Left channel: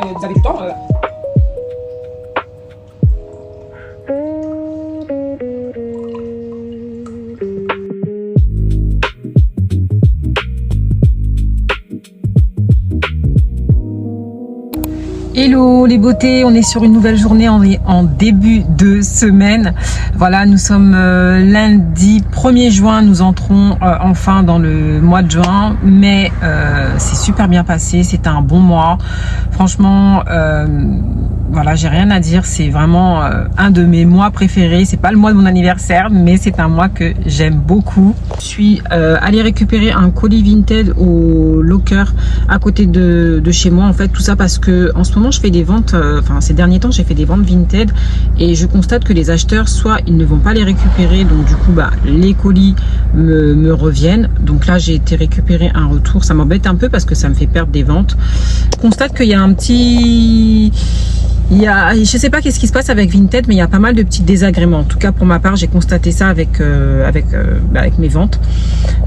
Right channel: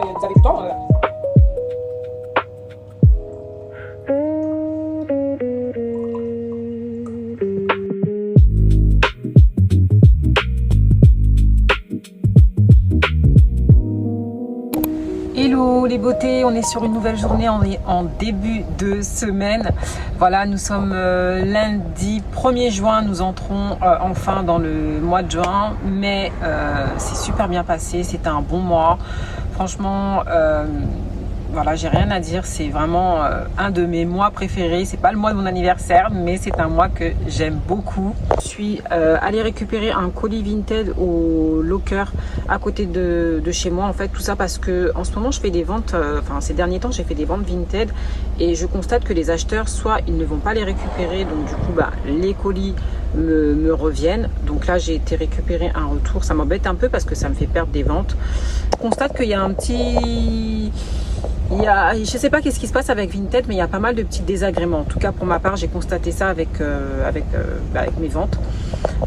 vous avez du temps. Hello les beautés, on est sur une nouvelle journée, on est en début de semaine. Voilà, nous sommes lundi 1er juin, nous entrons enfin dans le mois de juin, mais c'est super bien passé, c'était un bon mois. Franchement, voilà, j'ai rien à dire, c'est vraiment un de mes mois préférés. C'est pas le mois de mon anniversaire, mais c'est un mois que j'aime beaucoup. Je suis allée récupérer un colis Vinted au locker à côté de chez moi, en fait, tout ça parce que en ce moment je fais des ventes, enfin ces derniers temps j'ai fait des ventes Vinted et je constate que les acheteurs, soit ils ne vont pas les récupérer, donc du coup bah les colis me reviennent. Donc là j'ai été récupérer un retour, ça m'embête un peu parce que ça me fait perdre des ventes. Je constate qu'il y a un petit... je sais pas qu'est-ce qui se passe avec Vinted, mais il y a pas mal de petits désagréments. En tout cas pour ma part, j'ai constaté ça avec mes ventes.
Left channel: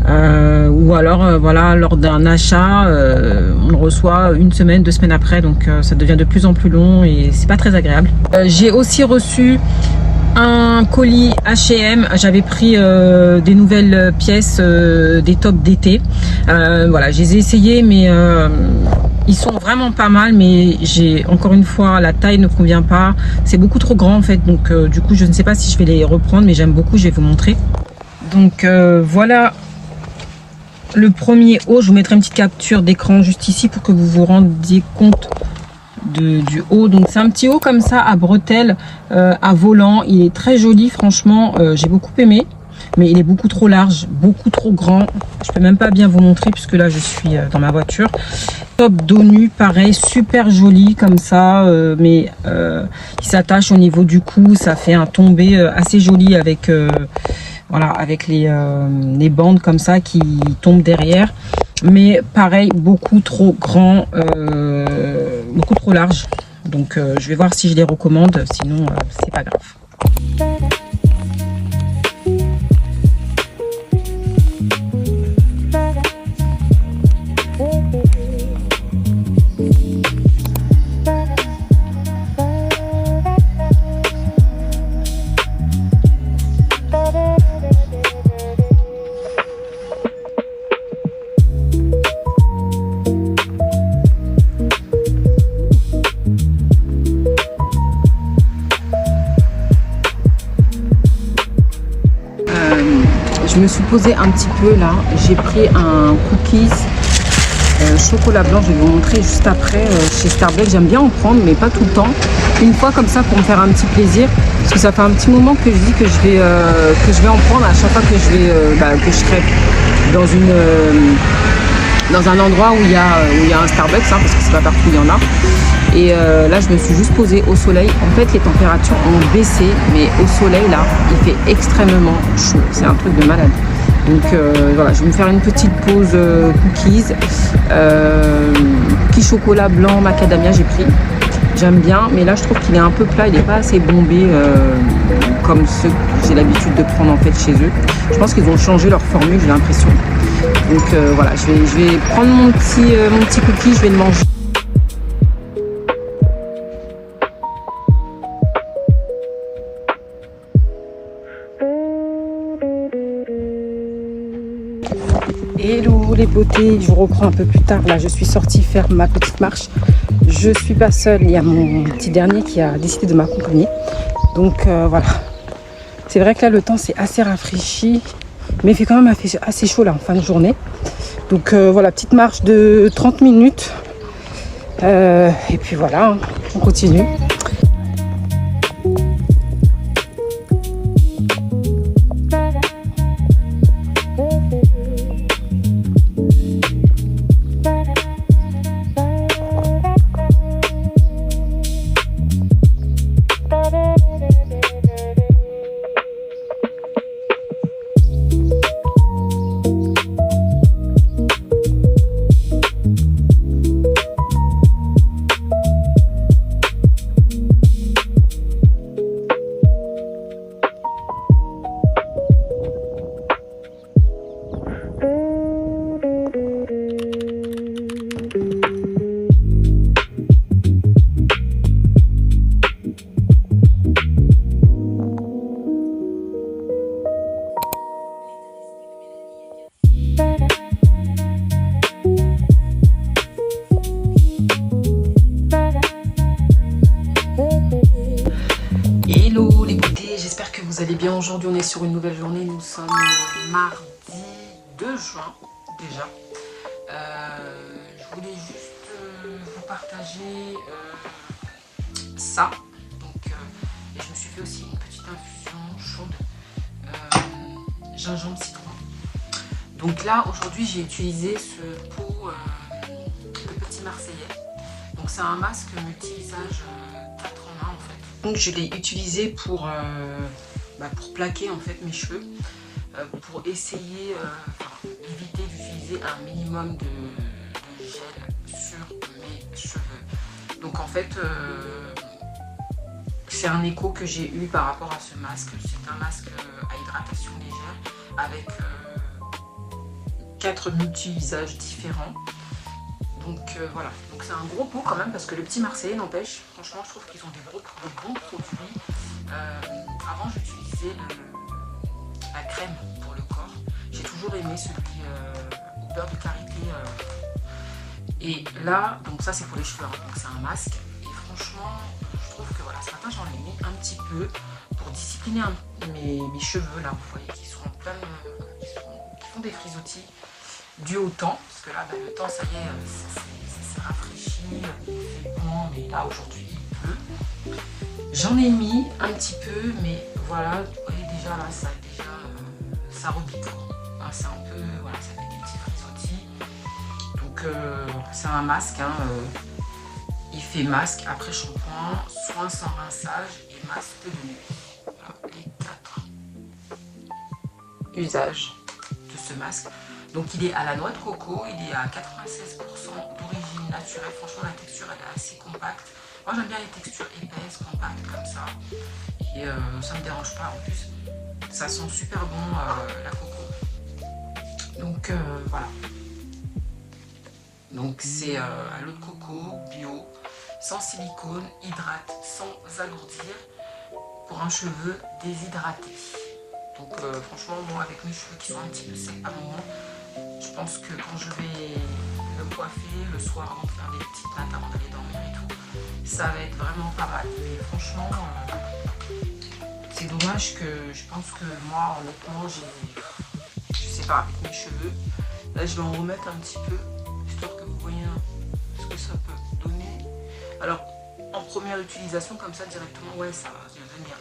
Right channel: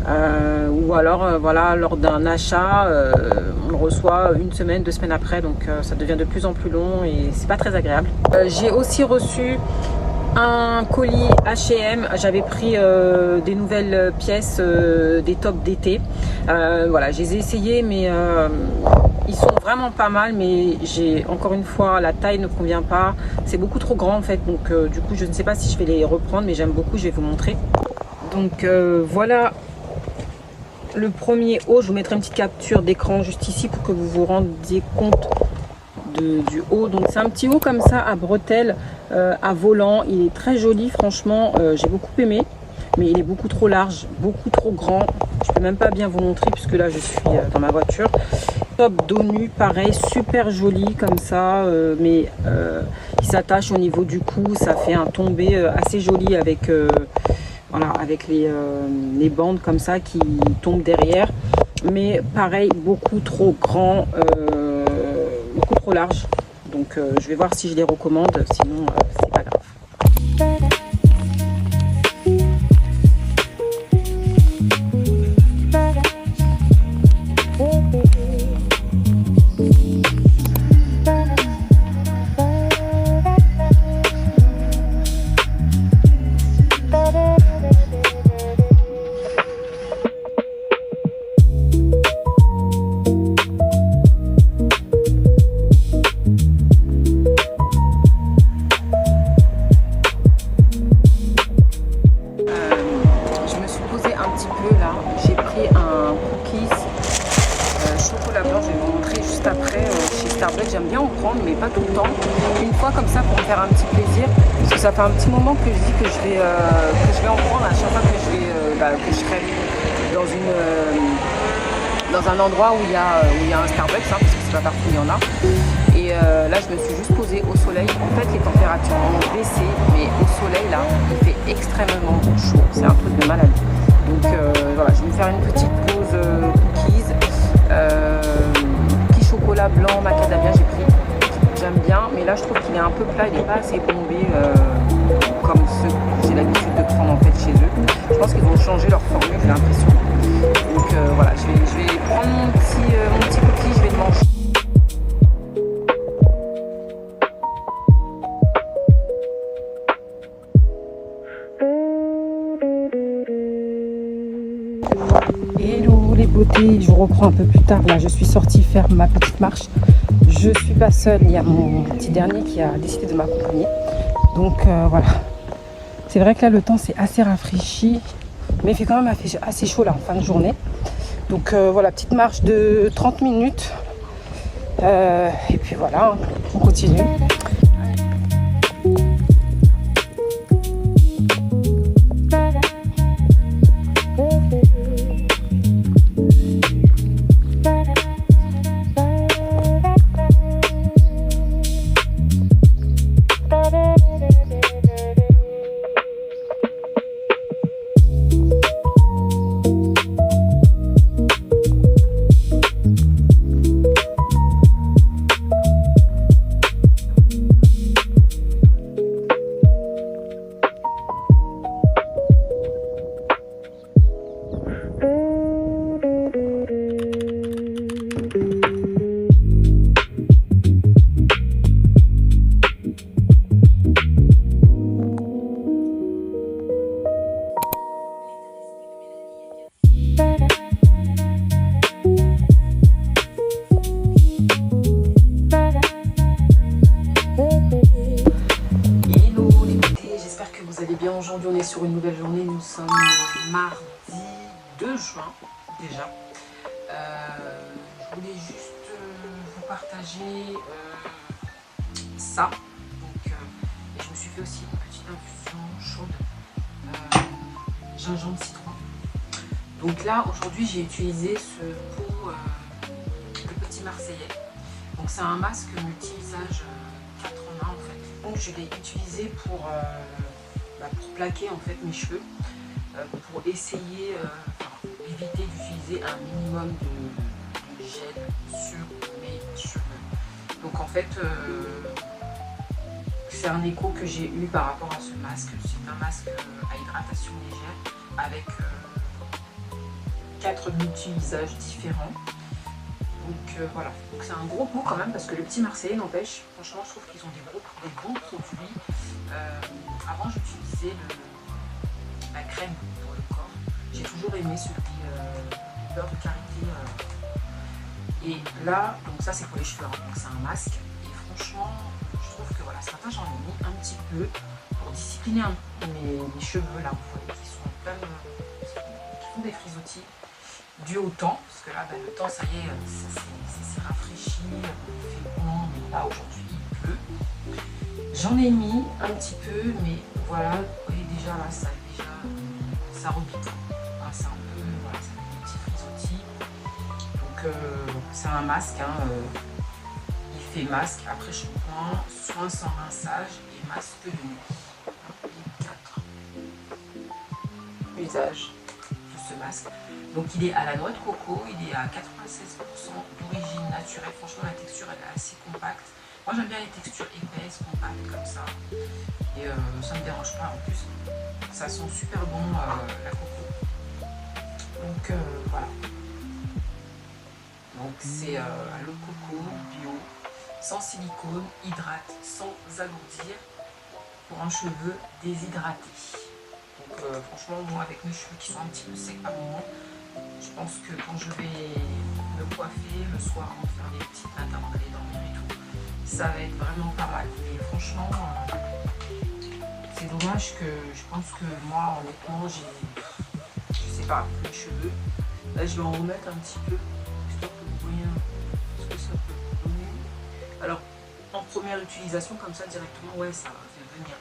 Ou alors voilà, lors d'un achat, on le reçoit une semaine, 2 semaines après, donc ça devient de plus en plus long et c'est pas très agréable. J'ai aussi reçu un colis H&M, j'avais pris des nouvelles pièces, des tops d'été. Voilà, je les ai essayés, mais ils sont vraiment pas mal, mais j'ai encore une fois, la taille ne convient pas, c'est beaucoup trop grand en fait, donc du coup je ne sais pas si je vais les reprendre, mais j'aime beaucoup, je vais vous montrer. Donc voilà le premier haut, je vous mettrai une petite capture d'écran juste ici pour que vous vous rendiez compte du haut. Donc c'est un petit haut comme ça à bretelles, à volant, il est très joli, franchement j'ai beaucoup aimé, mais il est beaucoup trop large, beaucoup trop grand, je peux même pas bien vous montrer puisque là je suis dans ma voiture. Top dos nu, pareil, super joli comme ça, mais il s'attache au niveau du cou, ça fait un tombé assez joli avec voilà, avec les bandes comme ça qui tombent derrière, mais pareil, beaucoup trop grand, beaucoup trop large. Donc je vais voir si je les recommande, sinon c'est pas grave. Je me suis posée un petit peu là, j'ai pris un cookies chocolat blanc, je vais vous montrer juste après chez Starbucks. J'aime bien en prendre mais pas tout le temps, une fois comme ça pour me faire un petit plaisir, parce que ça fait un petit moment que je dis que je vais en prendre à chaque fois que je serai dans un endroit où il y a un Starbucks, hein, parce que c'est pas partout il y en a. Et là je me suis juste posée au soleil. En fait les températures ont baissé, mais au soleil là il fait extrêmement chaud, c'est un truc de malade. Donc voilà, je vais me faire une petite pause cookies, cookies chocolat blanc macadamia j'ai pris. J'aime bien, mais là je trouve qu'il est un peu plat, il n'est pas assez bombé comme ceux que j'ai l'habitude de prendre en fait chez eux. Je pense qu'ils ont changé leur formule, j'ai l'impression. Donc voilà, je vais prendre mon petit cookie, je vais le manger. Hello les beautés, je vous reprends un peu plus tard. Là je suis sortie faire ma petite marche. Je suis pas seule, il y a mon petit dernier qui a décidé de m'accompagner. Donc voilà, c'est vrai que là le temps c'est assez rafraîchi, mais il fait quand même assez chaud là en fin de journée. Donc voilà, petite marche de 30 minutes et puis voilà, on continue. nouvelle journée, nous sommes mardi 2 juin déjà. Je voulais juste vous partager ça. Donc, et je me suis fait aussi une petite infusion chaude, gingembre citron. Donc là, aujourd'hui, j'ai utilisé ce pot de petit marseillais. Donc c'est un masque multi-visage 4 en 1 en fait. Donc je l'ai utilisé pour plaquer en fait mes cheveux, pour essayer, éviter d'utiliser un minimum de gel sur mes cheveux. Donc en fait, c'est un écho que j'ai eu par rapport à ce masque. C'est un masque à hydratation légère avec 4 multi-visages différents. Donc voilà, donc c'est un gros pot quand même parce que le petit marseillais n'empêche, franchement je trouve qu'ils ont des bons produits. Avant j'utilisais la crème pour le corps, j'ai toujours aimé celui le beurre de karité. Et là, donc ça c'est pour les cheveux, hein, donc c'est un masque. Et franchement, je trouve que voilà, ce matin j'en ai mis un petit peu pour discipliner mes cheveux là, vous voyez, qui sont en plein, qui font des frisottis dû au temps, parce que là le temps ça y est, ça s'est rafraîchi, il fait bon, mais là aujourd'hui il pleut. J'en ai mis un petit peu, mais voilà, vous voyez déjà là ça repique, c'est un peu, voilà, ça fait des petits frisottis. Donc c'est un masque, hein, il fait masque après shampoing, soin sans rinçage et masque de nuit. Les 4 usages de ce masque. Donc il est à la noix de coco, il est à 96% d'origine naturelle. Franchement la texture elle est assez compacte. Moi j'aime bien les textures épaisses, compactes comme ça. Et ça ne me dérange pas en plus. Ça sent super bon la coco. Donc voilà. Donc c'est à l'eau de coco, bio, sans silicone, hydrate, sans alourdir, pour un cheveu déshydraté. Donc franchement moi avec mes cheveux qui sont un petit peu secs par moment, je pense que quand je vais me coiffer le soir avant de faire des petites nattes avant d'aller dormir et tout, ça va être vraiment pas mal. Mais franchement, c'est dommage que je pense que moi honnêtement, je sais pas, mes cheveux, là je vais en remettre un petit peu, histoire que vous voyez ce que ça peut donner. Alors en première utilisation comme ça directement, ouais ça va venir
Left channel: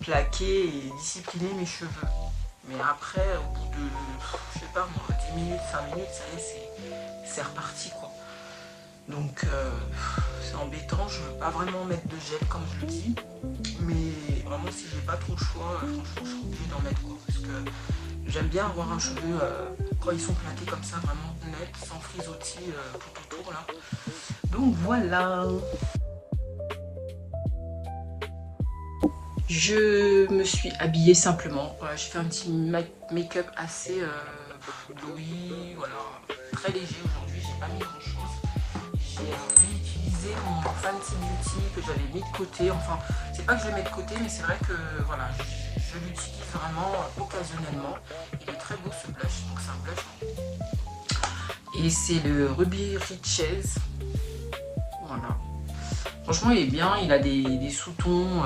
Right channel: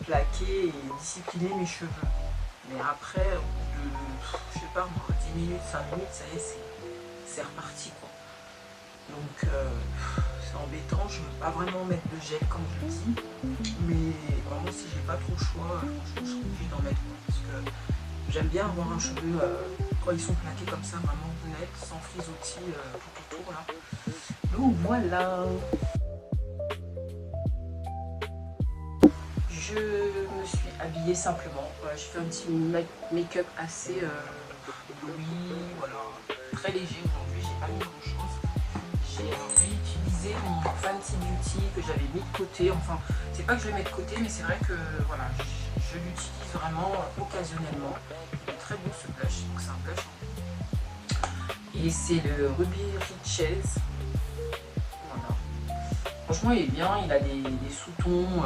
plaquer et discipliner mes cheveux. Mais après, au bout de, je sais pas moi, 10 minutes, 5 minutes, ça y est, c'est reparti quoi. Donc c'est embêtant, je veux pas vraiment mettre de gel comme je le dis. Mais vraiment si j'ai pas trop le choix, franchement je suis obligée d'en mettre quoi. Parce que j'aime bien avoir un cheveu, quand ils sont plaqués comme ça, vraiment net, sans frisottis tout autour là. Donc voilà. Je me suis habillée simplement, voilà, j'ai fait un petit make-up assez gris, voilà, très léger aujourd'hui, j'ai pas mis grand chose. J'ai réutilisé mon Fenty Beauty que j'avais mis de côté, enfin c'est pas que je le mets de côté mais c'est vrai que voilà, je l'utilise vraiment occasionnellement. Il est très beau ce blush, donc c'est un blush. Et c'est le Ruby Riches. Voilà. Franchement, il est bien, il a des sous-tons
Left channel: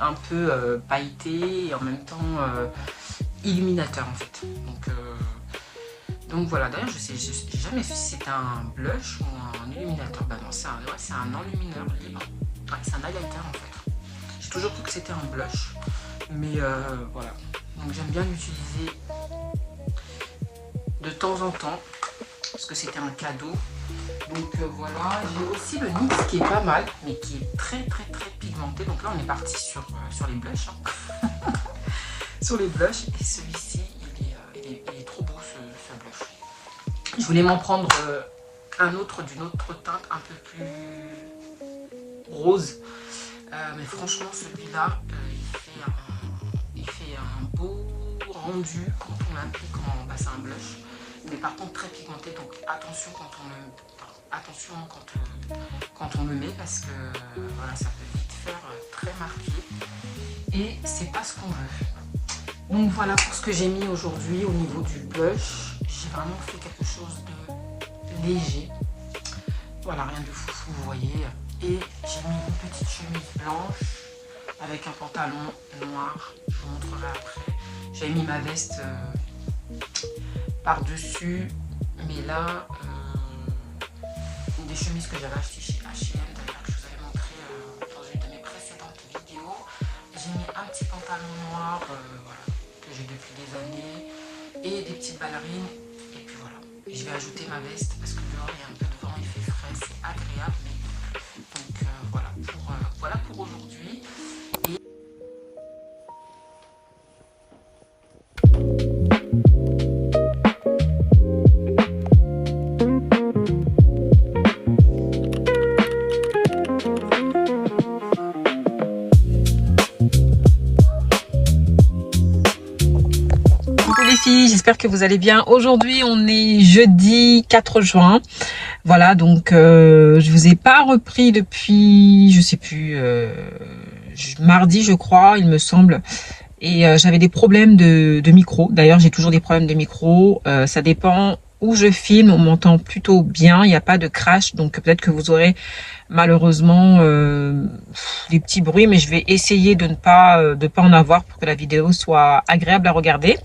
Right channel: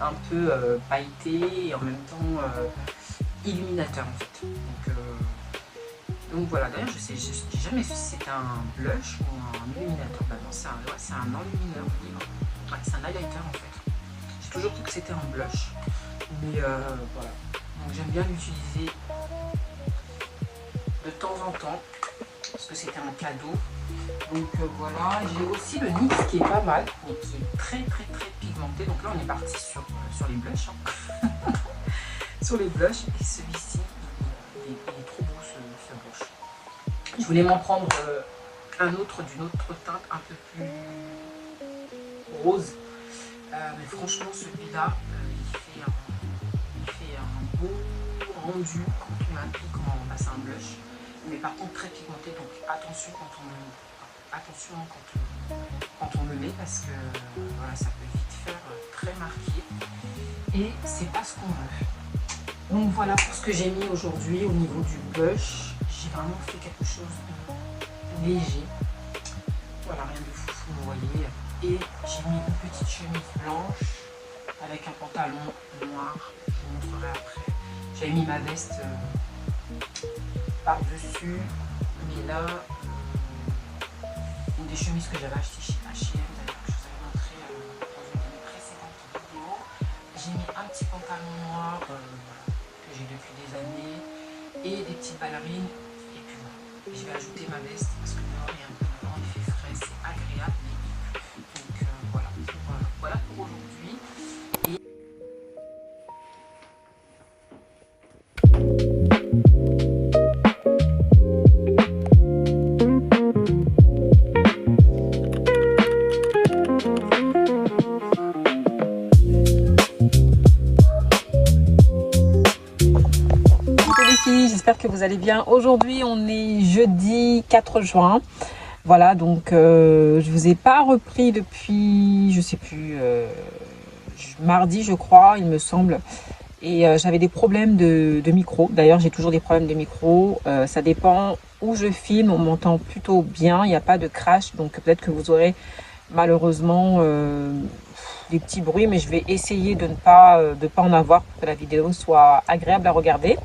un peu pailletés et en même temps illuminateurs en fait. Donc voilà, d'ailleurs je sais jamais si c'est un blush ou un illuminateur. Bah non, c'est un enlumineur libre. Ouais, c'est un highlighter en fait. J'ai toujours cru que c'était un blush. Mais voilà. Donc j'aime bien l'utiliser de temps en temps. Parce que c'était un cadeau. Donc voilà, j'ai aussi le NYX qui est pas mal, mais qui est très pigmenté. Donc là on est parti sur les blushs. Hein. Sur les blushs. Et celui-ci, il est trop beau ce blush. Je voulais m'en prendre un autre d'une autre teinte un peu plus rose. Mais franchement celui-là, il fait un beau rendu quand on l'applique. C'est un blush. Mais par contre très pigmenté, donc attention quand on le met parce que voilà, ça peut vite faire très marqué et c'est pas ce qu'on veut. Donc voilà pour ce que j'ai mis aujourd'hui au niveau du blush. J'ai vraiment fait quelque chose de léger, voilà, rien de fou vous voyez, et j'ai mis une petite chemise blanche avec un pantalon noir. Je vous montrerai après. J'ai mis ma veste par-dessus. Mais là, une des chemises que j'avais achetées chez H&M, d'ailleurs que je vous avais montré dans une de mes précédentes vidéos. J'ai mis un petit pantalon noir voilà, que j'ai depuis des années et des petites ballerines. Et puis voilà, je vais ajouter ma veste parce que dehors il y a un peu de vent, il fait frais, c'est agréable. Donc voilà pour aujourd'hui. J'espère que vous allez bien. Aujourd'hui on est jeudi 4 juin. Voilà, donc je vous ai pas repris depuis, je sais plus, mardi je crois, il me semble. Et j'avais des problèmes de micro. D'ailleurs j'ai toujours des problèmes de micro. Ça dépend où je filme, on m'entend plutôt bien, il n'y a pas de crash. Donc peut-être que vous aurez malheureusement des petits bruits, mais je vais essayer de ne pas en avoir pour que la vidéo soit agréable à regarder.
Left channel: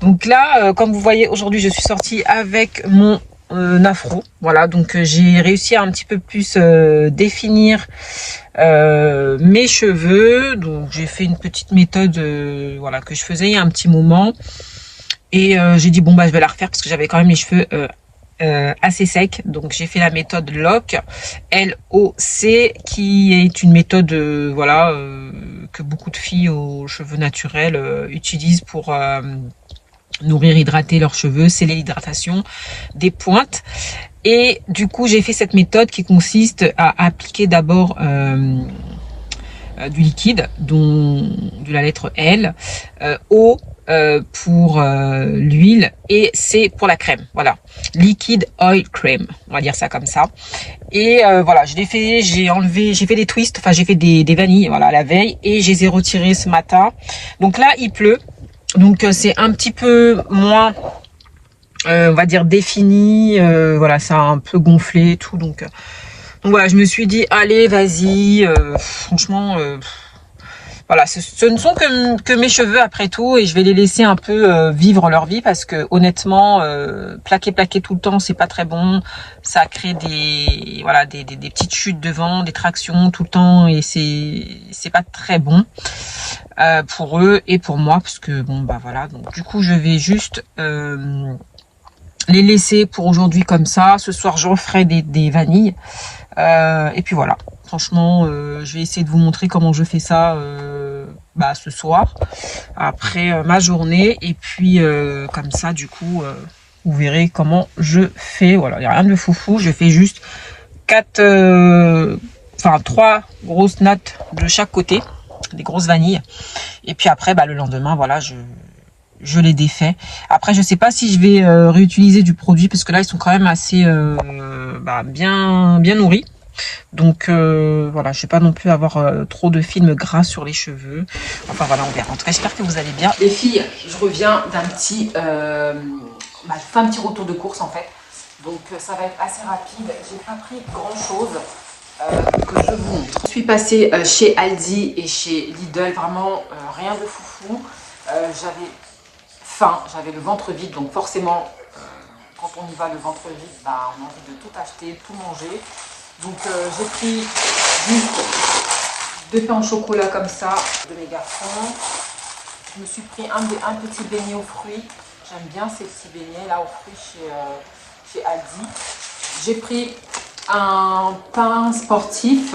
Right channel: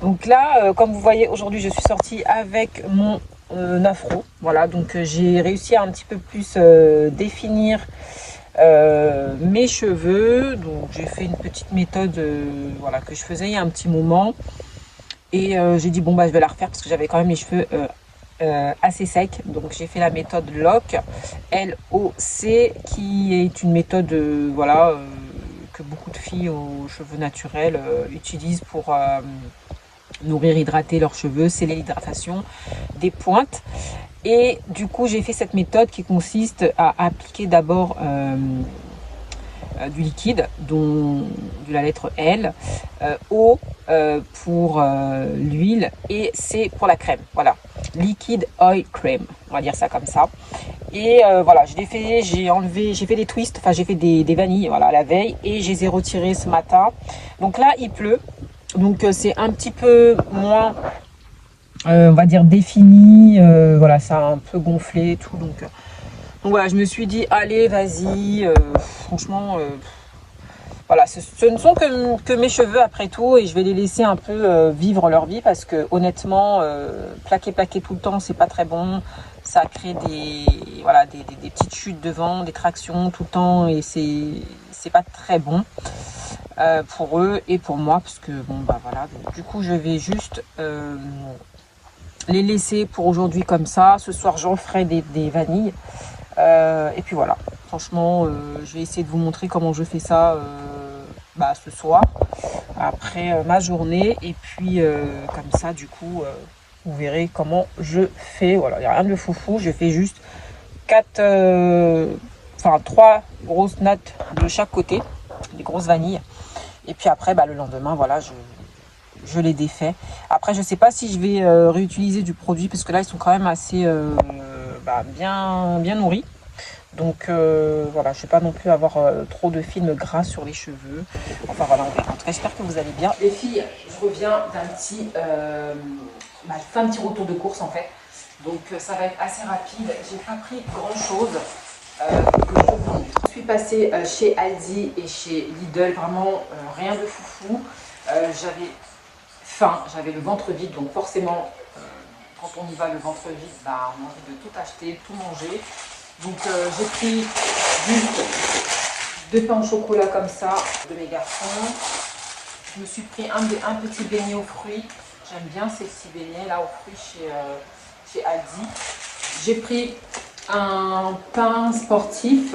Donc là, comme vous voyez, aujourd'hui je suis sortie avec mon afro. Voilà, donc j'ai réussi à un petit peu plus définir mes cheveux. Donc j'ai fait une petite méthode voilà, que je faisais il y a un petit moment. Et j'ai dit bon bah je vais la refaire parce que j'avais quand même les cheveux assez secs. Donc j'ai fait la méthode LOC, L-O-C, qui est une méthode voilà, que beaucoup de filles aux cheveux naturels utilisent pour nourrir, hydrater leurs cheveux, sceller l'hydratation des pointes. Et du coup j'ai fait cette méthode qui consiste à appliquer d'abord du liquide, dont de la lettre L, O pour l'huile et C pour la crème. Voilà, liquide oil cream, on va dire ça comme ça. Et voilà, je l'ai fait, j'ai fait des twists, enfin j'ai fait des vanilles, voilà, la veille, et je les ai retirés ce matin. Donc là il pleut, donc c'est un petit peu moins on va dire défini, voilà, ça a un peu gonflé et tout, donc voilà, je me suis dit allez vas-y, franchement voilà, ce ne sont que mes cheveux après tout, et je vais les laisser un peu vivre leur vie, parce que honnêtement plaquer tout le temps c'est pas très bon. Ça crée des voilà des petites chutes de vent, des tractions tout le temps, et c'est pas très bon pour eux et pour moi, parce que bon bah voilà, donc du coup je vais juste les laisser pour aujourd'hui comme ça. Ce soir j'en ferai des vanilles et puis voilà. Franchement je vais essayer de vous montrer comment je fais ça bah, ce soir après ma journée, et puis comme ça du coup vous verrez comment je fais. Voilà, il n'y a rien de foufou, je fais juste 3 grosses nattes de chaque côté, des grosses vanilles, et puis après bah, le lendemain voilà, je les défais. Après je sais pas si je vais réutiliser du produit, parce que là ils sont quand même assez bien nourris. Donc voilà, je ne vais pas non plus avoir trop de films gras sur les cheveux. Enfin voilà, on verra. En tout cas, j'espère que vous allez bien. Les filles, je reviens d'un petit... je fais un petit retour de course en fait. Donc ça va être assez rapide. J'ai pas pris grand chose que je vous montre. Je suis passée chez Aldi et chez Lidl. Vraiment rien de foufou. J'avais faim, j'avais le ventre vide. Donc forcément, quand on y va le ventre vide, bah, on a envie de tout acheter, tout manger. Donc j'ai pris juste 2 pains au chocolat comme ça de mes garçons. Je me suis pris un petit beignet aux fruits. J'aime bien ces petits beignets là aux fruits chez Aldi. J'ai pris un pain sportif.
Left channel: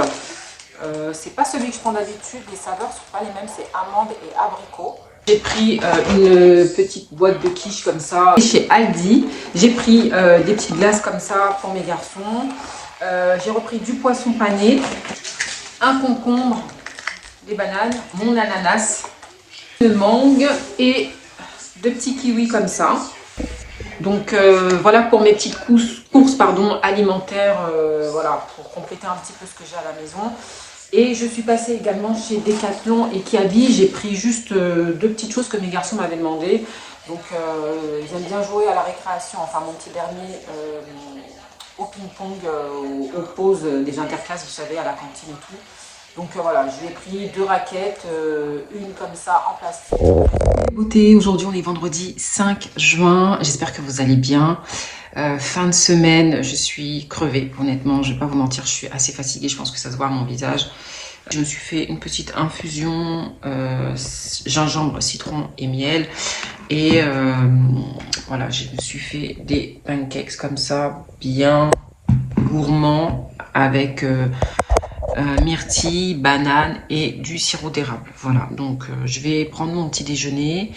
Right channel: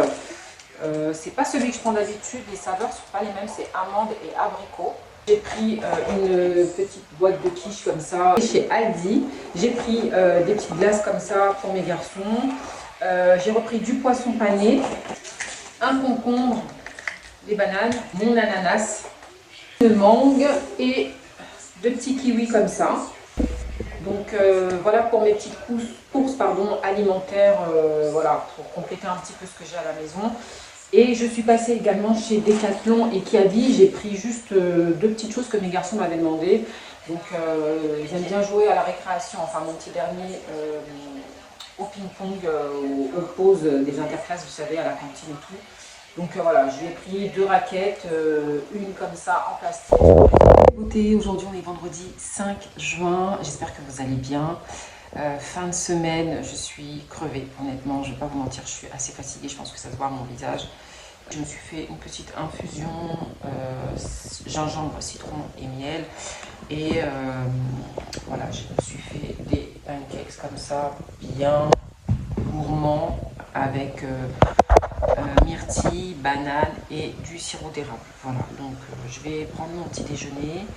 C'est pas celui que je prends d'habitude. Les saveurs ne sont pas les mêmes. C'est amande et abricot. J'ai pris une petite boîte de quiche comme ça chez Aldi. J'ai pris des petites glaces comme ça pour mes garçons. J'ai repris du poisson pané, un concombre, des bananes, mon ananas, une mangue et 2 petits kiwis comme ça. Donc voilà pour mes petites courses alimentaires, voilà, pour compléter un petit peu ce que j'ai à la maison. Et je suis passée également chez Decathlon et Kiabi. J'ai pris juste 2 petites choses que mes garçons m'avaient demandé. Donc ils aiment bien jouer à la récréation, enfin mon petit dernier au ping-pong, aux pauses des interclasses, vous savez, à la cantine et tout. Donc voilà, j'ai pris 2 raquettes, une comme ça en plastique. Beauté, aujourd'hui on est vendredi 5 juin, j'espère que vous allez bien. Fin de semaine, je suis crevée, honnêtement, je vais pas vous mentir, je suis assez fatiguée, je pense que ça se voit à mon visage. Je me suis fait une petite infusion gingembre, citron et miel. Et voilà, je me suis fait des pancakes comme ça, bien gourmands, avec myrtille, banane et du sirop d'érable. Voilà, donc je vais prendre mon petit déjeuner.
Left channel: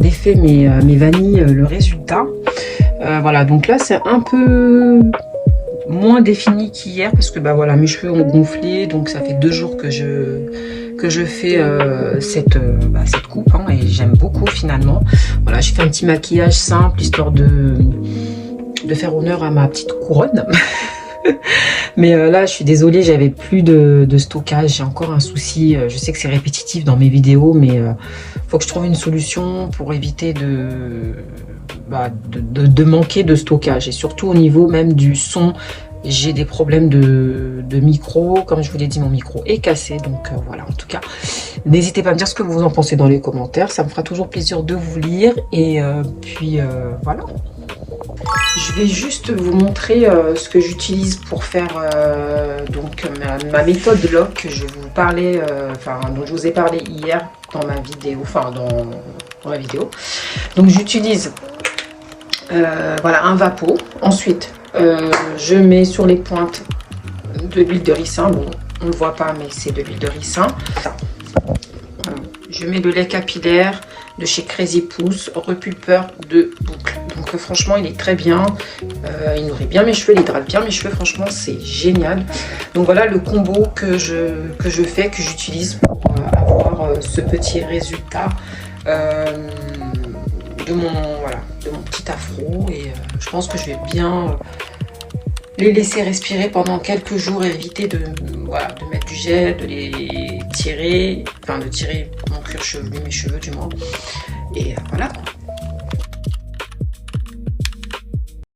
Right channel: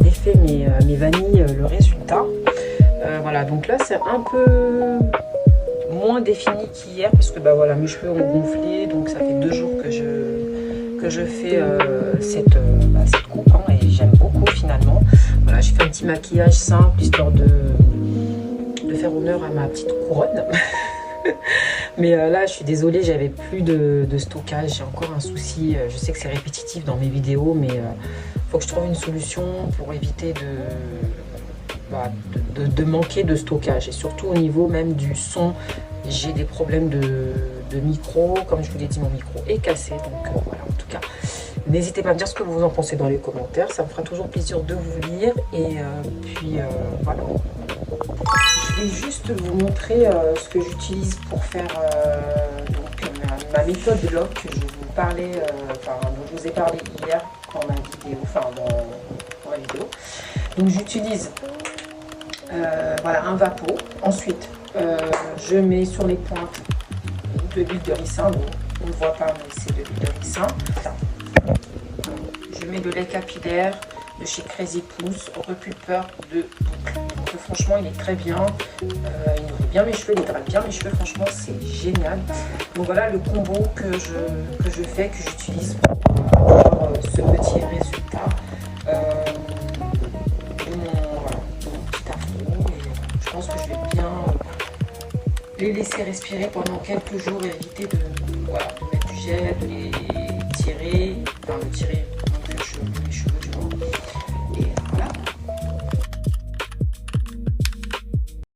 Défait mes vanilles, le résultat. Voilà, donc là c'est un peu moins défini qu'hier parce que bah voilà, mes cheveux ont gonflé, donc ça fait 2 jours que je fais cette coupe hein, et j'aime beaucoup finalement. Voilà, j'ai fait un petit maquillage simple histoire de faire honneur à ma petite couronne. Mais là je suis désolée, j'avais plus de stockage, j'ai encore un souci, je sais que c'est répétitif dans mes vidéos, mais faut que je trouve une solution pour éviter de manquer de stockage. Et surtout au niveau même du son, j'ai des problèmes de micro, comme je vous l'ai dit, mon micro est cassé, donc voilà. En tout cas, n'hésitez pas à me dire ce que vous en pensez dans les commentaires, ça me fera toujours plaisir de vous lire. Et puis voilà. Je vais juste vous montrer ce que j'utilise pour faire donc ma méthode LOC que je vous parlais, dont je vous ai parlé hier dans ma vidéo, dans ma vidéo. Donc j'utilise voilà un Vapo. Ensuite je mets sur les pointes de l'huile de ricin. Bon, on ne le voit pas, mais c'est de l'huile de ricin. Je mets le lait capillaire de chez Crazy Pousse, repulpeur de boucle. Donc franchement il est très bien, il nourrit bien mes cheveux, il hydrate bien mes cheveux, franchement c'est génial. Donc voilà le combo que je fais, que j'utilise pour avoir ce petit résultat de mon petit afro. Et je pense que je vais bien les laisser respirer pendant quelques jours et éviter de mettre du gel, de les tirer, de tirer mon cuir chevelu, mes cheveux du moins. Et voilà.